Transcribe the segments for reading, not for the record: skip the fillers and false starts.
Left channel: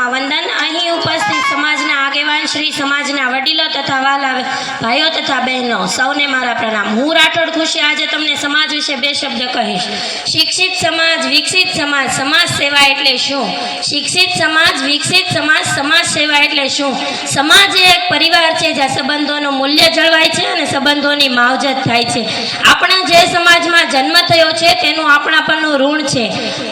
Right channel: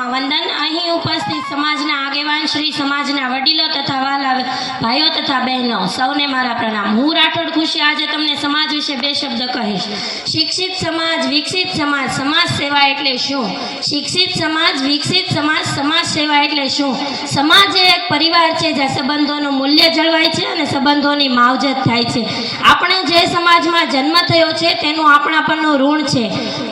ચરણોમાં વંદન। અહીં ઉપસ્થિત સમાજના આગેવાન શ્રી સમાજના વડીલો તથા વાલા ભાઈઓ તથા બહેનો સૌને મારા પ્રણામ। હું રાઠોડ ખુશી આજે તમને સમાજ વિશે બે શબ્દ કહીશ। શિક્ષિત સમાજ વિકસિત સમાજ, સમાજ સેવા એટલે શું? શિક્ષિત સમાજ વિકસિત સમાજ, સમાજ સેવા એટલે શું? સમાજ એ એક પરિવાર છે જ્યાં સંબંધોનું મૂલ્ય જળવાય છે અને સંબંધોની માવજત થાય છે। આપણે જે સમાજમાં જન્મ થયો છે તેનું આપણા પરનું ઋણ છે।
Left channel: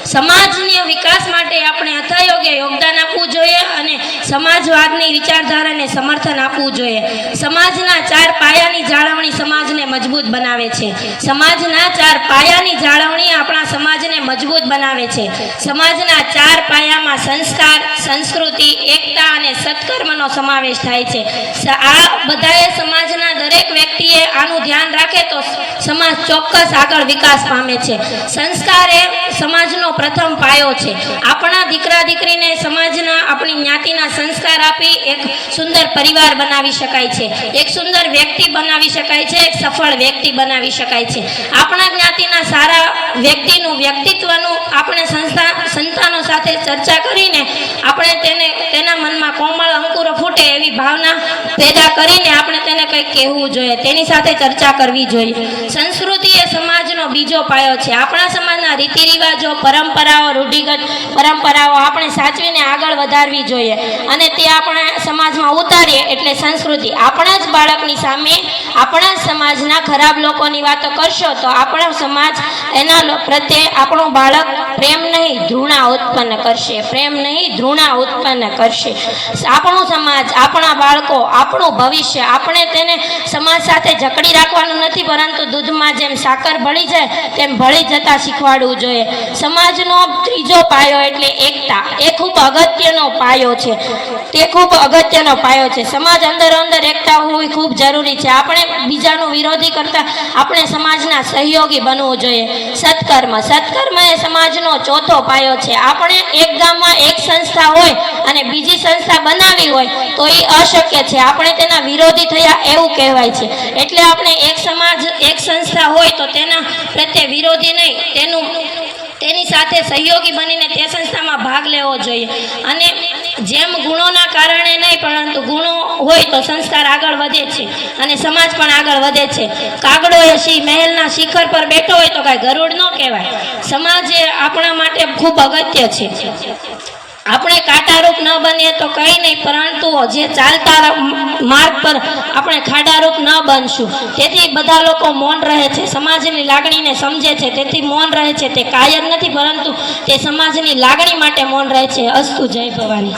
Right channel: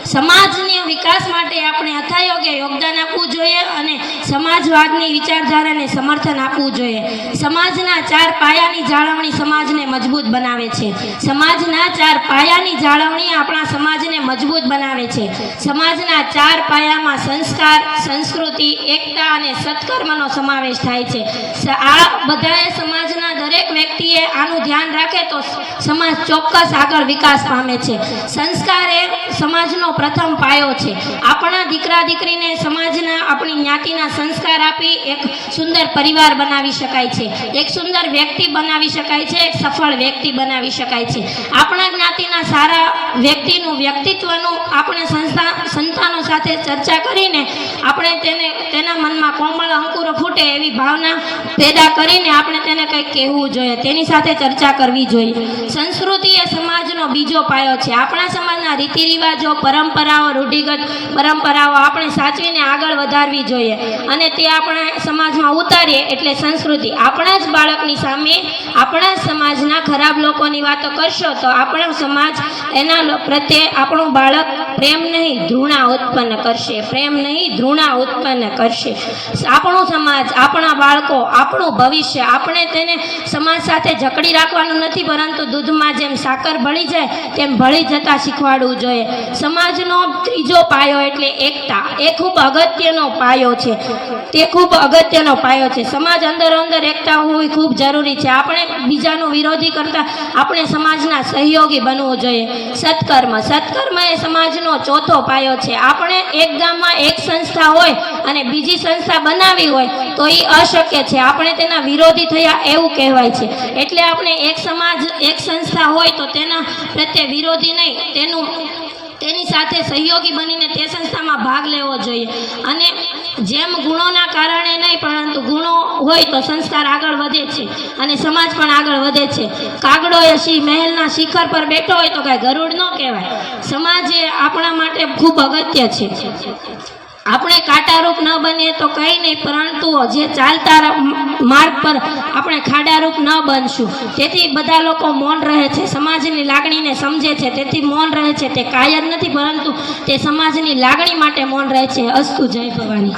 સમાજના વિકાસ માટે આપણે અથાયોગ્ય યોગદાન આપવું જોઈએ અને સમાજવાદની વિચારધારાને સમર્થન આપવું જોઈએ। સમાજના 4 પાયાની જાળવણી સમાજને મજબૂત બનાવે છે। સમાજના 4 પાયાની જાળવણી આપણા સમાજને મજબૂત બનાવે છે। સમાજના 4 પાયામાં સંસ્કાર, સંસ્કૃતિ, એકતા અને સત્કર્મનો સમાવેશ થાય છે। આ બધાએ સમાજના દરેક વ્યક્તિએ આનું ધ્યાન રાખે તો સમાજ ચોક્કસ આગળ વિકાસ પામે છે। સંસ્કાર એ સમાજનો પ્રથમ પાયો છે। આપણા દીકરા દીકરીને સમાજના આપણી જ્ઞાતિના સંસ્કાર આપી એક સુંદર પરિવાર બનાવી શકાય છે, એક સુંદર વ્યક્તિ બનાવી શકાય છે, એક સફળ વ્યક્તિ બનાવી શકાય છે। આપણા જ્ઞાતિના સારા વ્યક્તિનું વ્યક્તિત્વનું આપણે સંતાનો સાથે ચર્ચા કરીને આપણે તેના મનમાં કોમળ અંકુરો ફૂટે એવી ભાવના પેદા કરીને આપણે તેને કંઈક કહેવું જોઈએ, તેની સાથે ચર્ચા કરવી જોઈએ। સંસ્કૃતિ એ સમાજનો બીજો પાયો છે। આપણા સમાજના રીતિ રિવાજો, પરંપરાઓ, રૂઢિગત પરંપરાઓ આપણે સાચવીને આગળ વધારવી જોઈએ અને તે આપણા સમાજમાં ઉતારીએ એટલે સંસ્કૃતિ। આપણા જ બાળકની સામે આપણા સમાજના ખરાબ લોકોની વાતો કરશો તો આપણો સમાજ એના પ્રત્યે આપણું બાળક પ્રેમ નહીં ધૃણા ઉત્પન્ન કરશે, પ્રેમ નહીં ધૃણા ઉત્પન્ન કરશે। આપણું સમાજ, આપણા બાળકો, આપણું ભવિષ્ય, આપણે તેને સમાજ સાથે જકડી રાખવાનું નથી પરંતુ દૂધમાં જેમ સાકર ભળી જાય તેમ ભળી જતા શીખવાડવું જોઈએ। સમાજનો ત્રીજો પાયો એટલે એકતા, એ ખૂબ અગત્યનો પાયો છે, તે ખૂબ અગત્યનો પાયો છે। સમાજ અંદર એકતા હોવી ખૂબ જરૂરી છે। આપણે બીજાનું વિરોધી કરતા આપણે સમાજના સહયોગી બનવું જોઈએ। સત્કર્મ એ સમાજનો ચોથો પાયો છે। આપણે એક ગામમાં એક સંસ્થા હોય અને બીજી સંસ્થા બનાવી હોય તો એ અશક્ય છે, આપણે તેના વિરોધી થયા એવું કહેવાય છે। એટલે આપણે એક સમાજ, એક સંસ્થા હોય તો તેના પ્રત્યે વિરોધી નહીં, તેની સાથે સહયોગી બનીને તે સંસ્થામાં ભાગ લેવો જોઈએ અને જેમ ગુણોના કારણે નહીં પરંતુ ગુણો હોય તો સંસ્કાર આગળ વધે છે અને સમાજ પણ આગળ વધે છે। કાગડો એ મહેલના શિખર પર બેઠો હોય તો કાંઈ ગરુડ ન કહેવાય। સમાજ એ આપણા માટે ખૂબ અગત્ય છે। આપણે કાંટારૂપ ન બનીએ તો કંઈ નહીં પરંતુ જે ચાલતા માર્ગ પર આપણે ખાડારૂપ ન બનશું। તેથી બધા લોકો મૌન રહે છે, સમાજની લાગણીને સમજે છે તેથી મૌન રહે છે। તે કાયર નથી પરંતુ તે સમાજની લાગણી માટે મૌન રહે છે। અસ્તુ, જય ભવાની।